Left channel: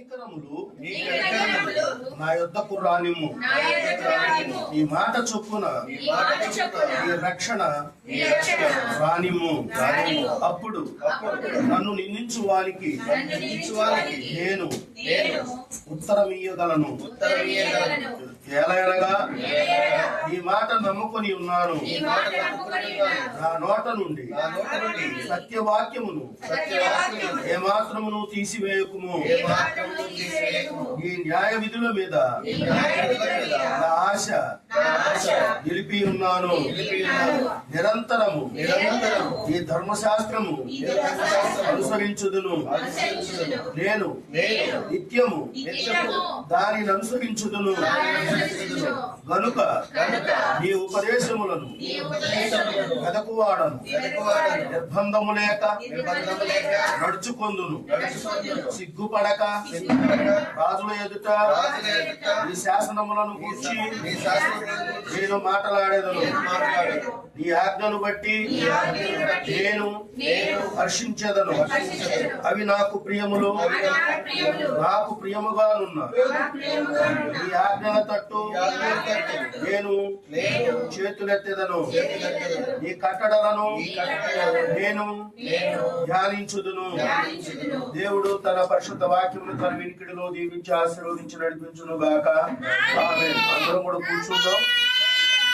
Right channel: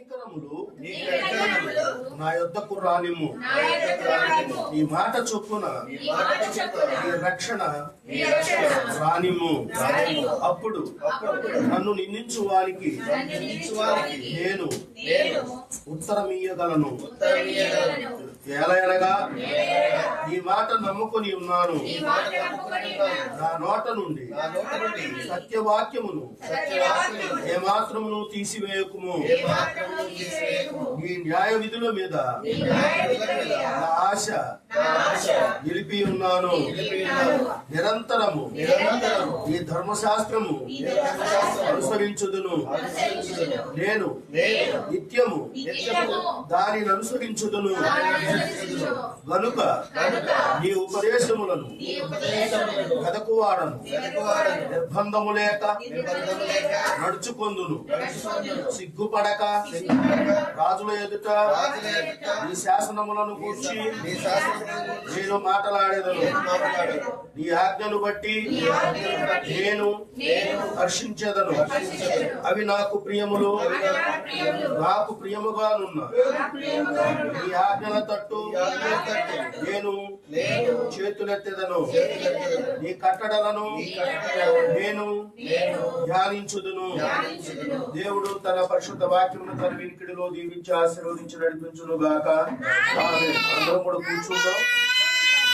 కనికరములు నా యొద్దకు రానిమ్ము. ఈ మాట చొప్పున ఈ రక్షణ రానిమ్ము. అప్పుడు నన్ను నిందించు వారికి నేను ఉత్తరమియ్యగలను. ఏలయనగా ఈ మాట నమ్ముకొని ఉన్నాను. నా నోట నుండి సత్యవాక్యమును ఏమాత్రమును తీసివేయకుము. ఈ న్యాయ విధుల మీద నా ఆశ నిలిపి ఉన్నాను. నిరంతరము ఈ ధర్మశాస్త్రము అనుసరించుదును. నేను నిత్యము దానిని అనుసరించుదును. గనుక నీ ఉపదేశములను వెదకువాడను. నిర్బంధము లేక నడుచుకొందును. సిగ్గుపడక రాజుల ఎదుట నీ శాసనములను కూర్చి నేను మాట్లాడేదను. నీ ఆజ్ఞను బట్టి నేను హర్షించేదను. అవి నాకు ప్రియములు, నాకు ప్రియముగానున్న నీ ఆజ్ఞల తట్టు నేను చేతులెత్తెదను. నీ కట్టడలను నేను ధ్యానించుదును. దేవుడు తన పరిశుద్ధ వాక్యమును తన వినికిడిలో దీవించి ఆశీర్వదించి నడిపించును గాక. ఆమేన్. అందరం కూడా కూర్చుందాం.